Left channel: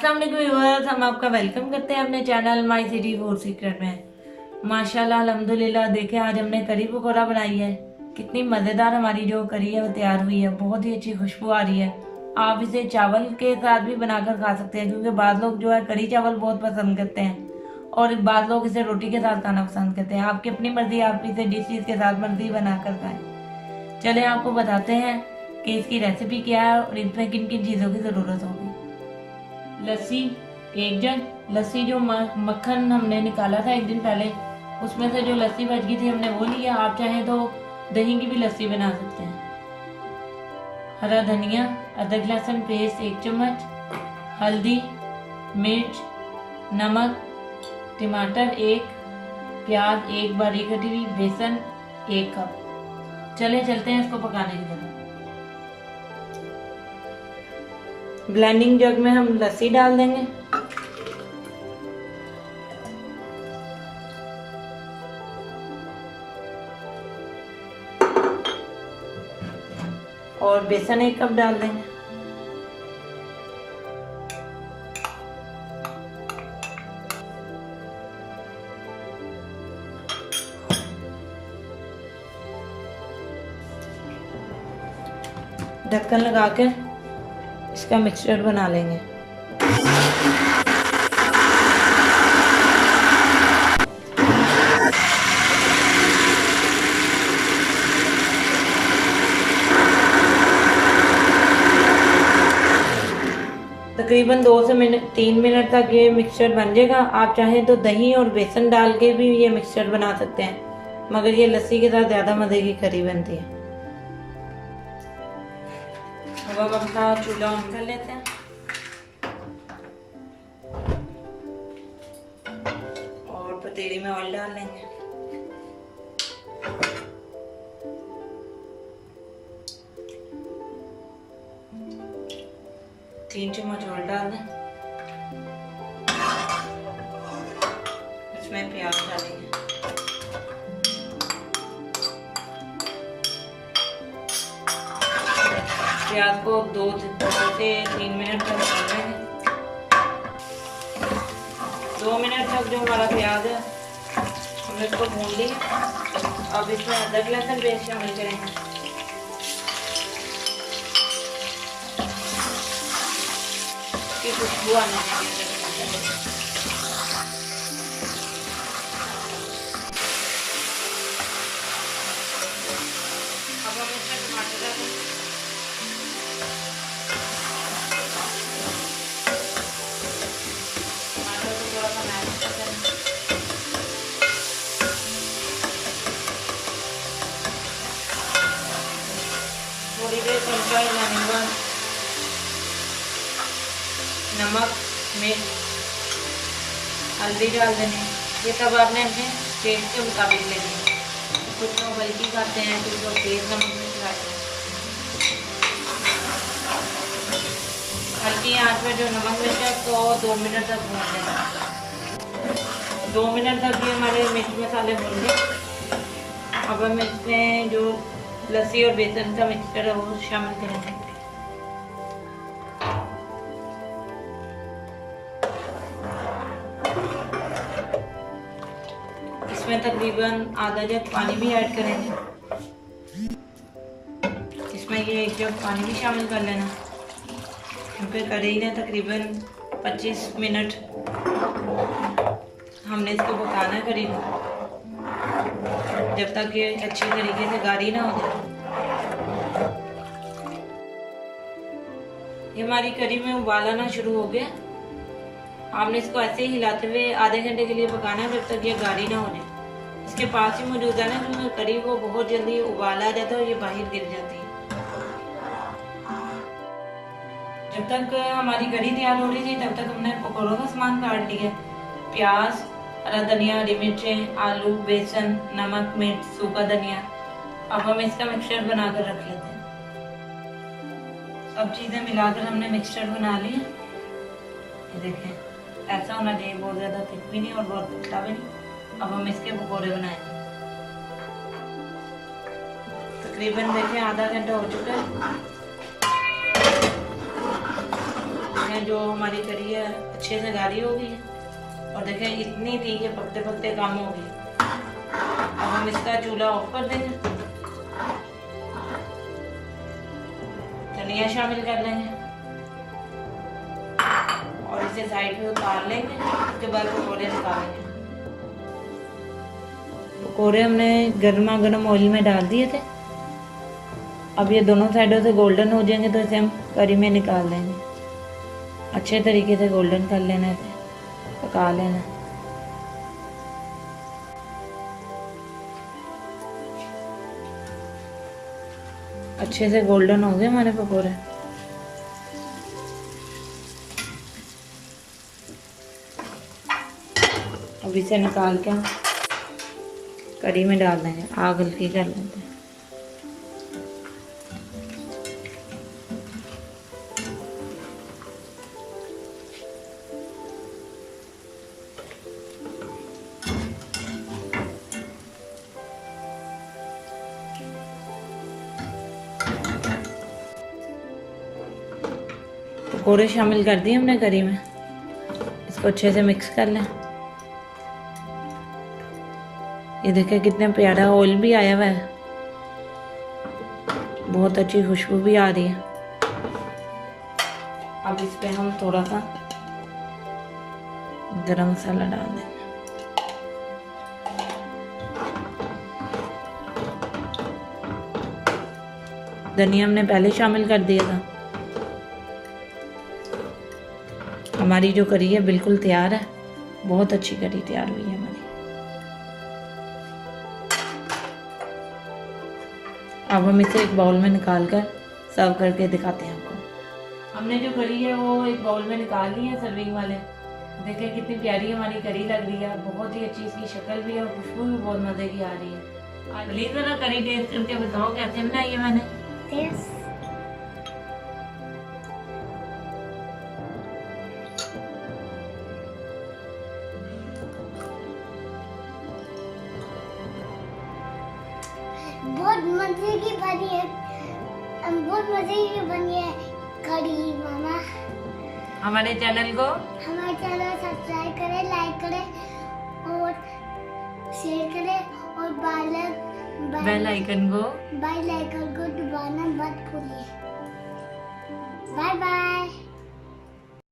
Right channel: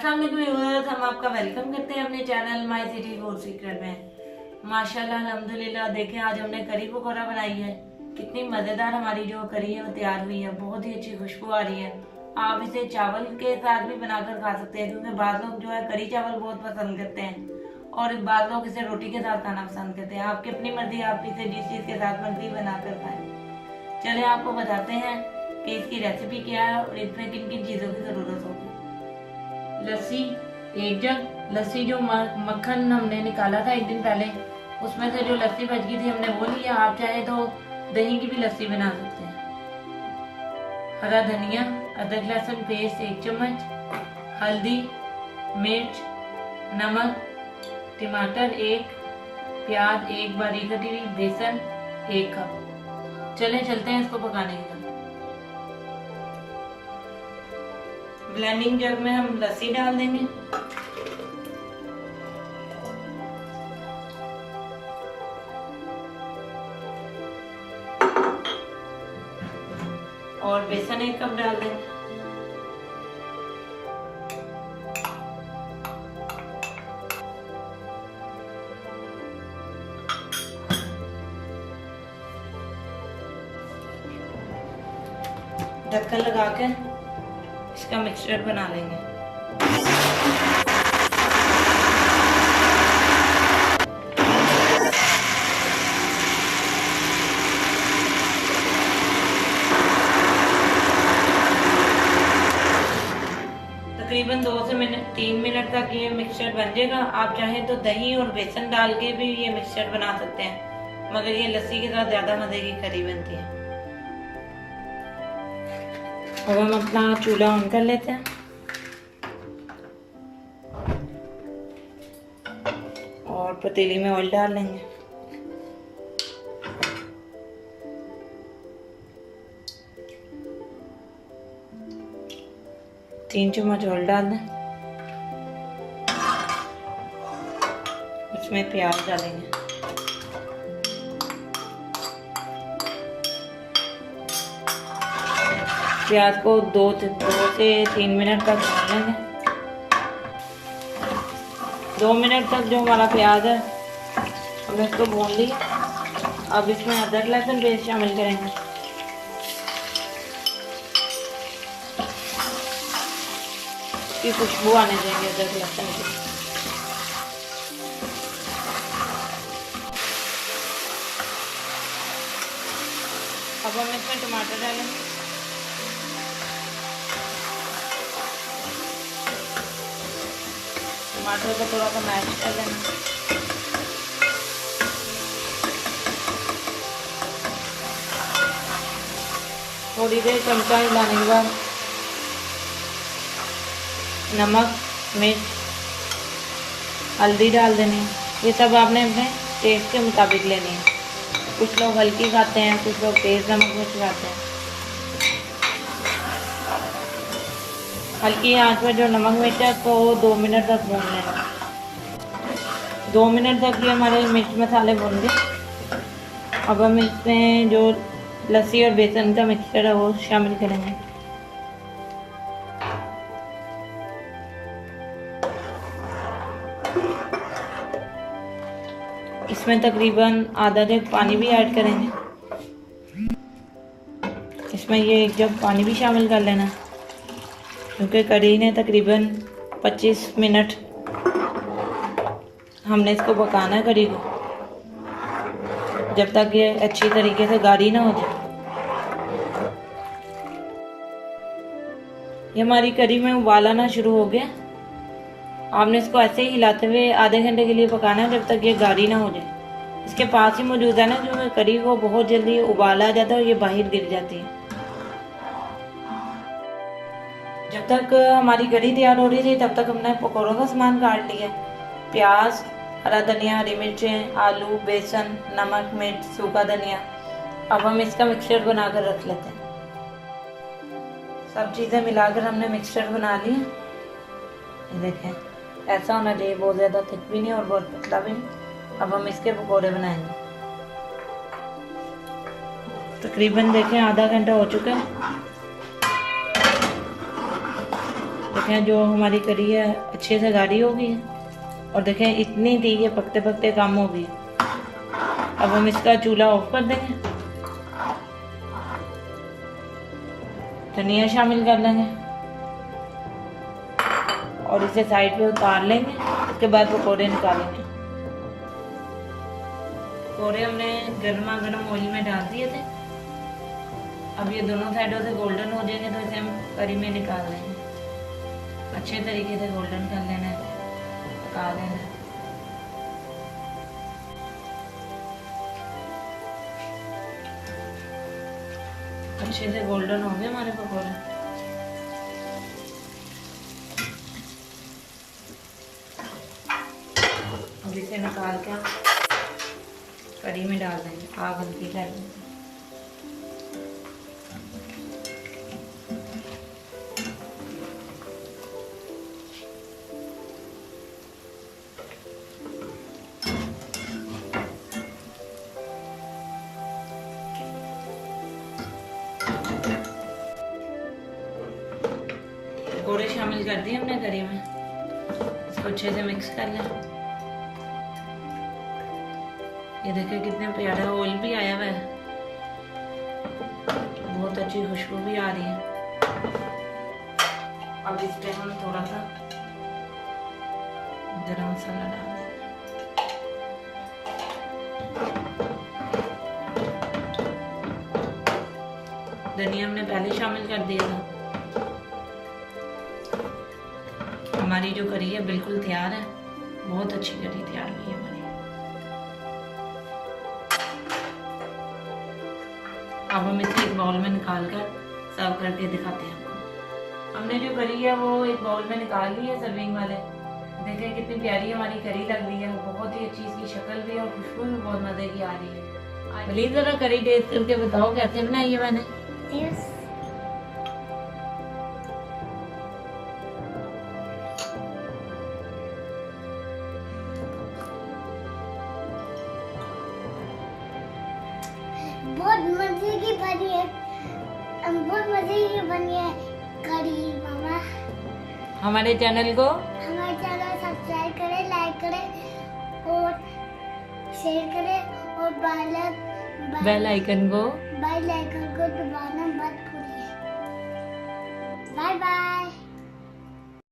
अस्सलाम वालेकुम व्यूअर्स, हम आपका वेलकम करते हैं अपने channel my city food secret में। माशाल्लाह अल्हम्दुलिल्लाह, देखें आज हमने करी पकौड़ा बनाई है। कितनी मज़ेदार हमारी जो करी है वो तैयार हुई है। बहुत ही अच्छी खुशबू आ रही है। आप इसे चावल के साथ भी बनाकर खा सकते हैं, क्योंकि बाद लोग जो है करी चावल बहुत पसंद करते हैं और बाद लोग इसे रोटी के साथ खाना पसंद करते हैं। आपकी अपनी मर्जी, आप इसे जिस चीज़ के साथ मर्जी बनाकर खाएं। चले आपको बताते हैं कि इसकी रेसिपी क्या है और इसमें किन किन चीज़ों की ज़रूरत होगी। लस्सी 1 जग। लस्सी जो मक्खन हमने निकाला था एक दिन पहले, उसमें से जो लस्सी बच गई थी हमने वो लिया। आप चाहें तो दही की भी लस्सी बना सकते हैं। हरा धनिया, अदरक लहसुन पेस्ट 1 चम्मच, हल्दी, मिर्च, नमक, टमाटर 1, प्याज 1 बारीक कटी हुई, बेसन 1 कप। चले चलते हैं इसको पकाने की तरफ। ब्लेंडिंग जग में हम लस्सी डाल देंगे। और बेसन 1 कप डाल देंगे। ढक्कन लगा के इसका मिक्सचर बना लेंगे। तकरीबन 2 से 3 मिनट तक ये मिक्सचर बन जाएगा। आप चाहें तो दही और बेसन डाल के भी ये मिक्सचर बना सकते हैं, मगर ये लस्सी के साथ ज़्यादा मज़े की करी बनती है। अब हम अपना चूल्हा ऑन कर लेते हैं और पतीली में ऑयल डाल लेंगे। तीन चम्मच ऑयल डाल दें। इसमें प्याज डालेंगे। प्याज को 2 से 3 मिनट तक भून लेंगे। 2 मिनट तक जो हमारा प्याज है हमने इसको भून लिया। अब इसमें अदरक लहसुन पेस्ट शामिल करेंगे। की खुशबू आने देंगे अदरक लहसुन की। अब हम इसमें टमाटर डालेंगे। टमाटर को थोड़ा सा मैश कर देंगे। थोड़ी देर चमचा हिलाने के बाद नमक, मिर्च, हल्दी डाल देनी। ये सब आपने अपने टेस्ट के मुताबिक लेनी है। कुछ लोग हल्की खाते हैं, कुछ लोग तेज नमक मिर्च खाते हैं। हल्की आंच में जो नमक मिर्च है तो 2 मिनट तक भून लेना। 2 मिनट तक ये हमारे मिर्च मसाले भून गए। अब हम इसमें जो लस्सी और बेसन का मिक्सचर है वो शामिल करेंगे। इसमें तकरीबन आधा जग पानी भी ऐड करेंगे। इसमें ये 1 जग पानी भी शामिल कर लेना, क्योंकि कढ़ी ने तकरीबन 25 मिनट हमने इसको पकाना है कढ़ी को, जब तक ये अच्छी तरीके से गाढ़ी ना हो जाए। ये हमारी कढ़ी में उबाल आना शुरू हो गया। आपने इसको ऐसे ही हिलाते हुए आधे घंटे के लिए पकाना है, जब तक ये गाढ़ी ना हो जाए। इसके पास ही मौजूद है ना जो कढ़ी, वो बहुत जल्दी उबाल आ जाता है और ये बाहर गिर जाती है। जब तक हमारी कढ़ी तैयार हो रही थी तब तक हमने पकौड़ों का सामान काट लिया। प्याज, हरा धनिया, हरी मिर्चें, आलू, बेसन, नमक, मिर्च, सूखा धनिया। अब हम इसका मिक्सचर बनाकर रख लेते हैं। सब चीज़ें मिलाकर हमने मिक्सचर बना लिया। ये देखें, ऐसा होना चाहिए, बहुत ज़्यादा थिक भी नहीं और बहुत पतला भी नहीं। अब हम इसके पकौड़े बनाएंगे। तकरीबन देखें आधा घंटा हो चुका है। देखें जो हमारी करी है अच्छे से गाढ़ी हो गई है, और देखें इतनी थी कि पकते पकते काम हो गई। अब हम इसका चूल्हा ऑफ कर देंगे, धनिया शामिल कर लेंगे और इसे साइड पे उतार लेंगे। उसके बाद पकौड़े निकालेंगे। पकौड़े हमने गर्मा गर्म ऑयल में डाल दिए थे। अब ये दोनों साइडों से गोल्डन हो जाएंगे तो इसे हम करी में निकाल लेंगे। अच्छे तरीके से गोल्डन कर लेना, पका लेना। अच्छे से गोल्डन हो गए हमारे पकौड़े। अब इसे निकाल के हम करी में डाल देंगे। आग हल्की कर लेते हैं। पकौड़े शामिल कर दिए हमने करी में। इसको अच्छे से मिक्स कर लें। ये देखिए कितने प्यारा ऑयल भी आया हुआ है, बहुत अच्छी खुशबू भी आ रही है। अब इस पे हम थोड़ा सा गरम मसाला डाल देंगे। धनिया हमने पहले शामिल कर दिया था। हमारी जो करी है बिल्कुल तैयार है, बहुत अच्छी करी तैयार हुई है हमारी। अब हम इसे एक बाउल में निकाल कर सर्व करके दिखाते हैं आपको। हमने जो करी है वो एक बाउल में निकाल ली है सर्विंग वाले। देखें कितनी प्यारी हमारी करी लग रही है, बहुत ही अच्छी इसकी शक्ल भी है और खुशबू भी बहुत मज़े की आ रही है। प्लीज जरा करी टेस्ट करके बताओ कैसे बनाई है मैंने। बहुत मजे की बनी है, बहुत मजे की बनी है करी मामा। हमारे चैनल सब्सक्राइब करें, लाइक करें और शेयर करें और बेल आइकन को दबाना मत भूलिए। Bye bye.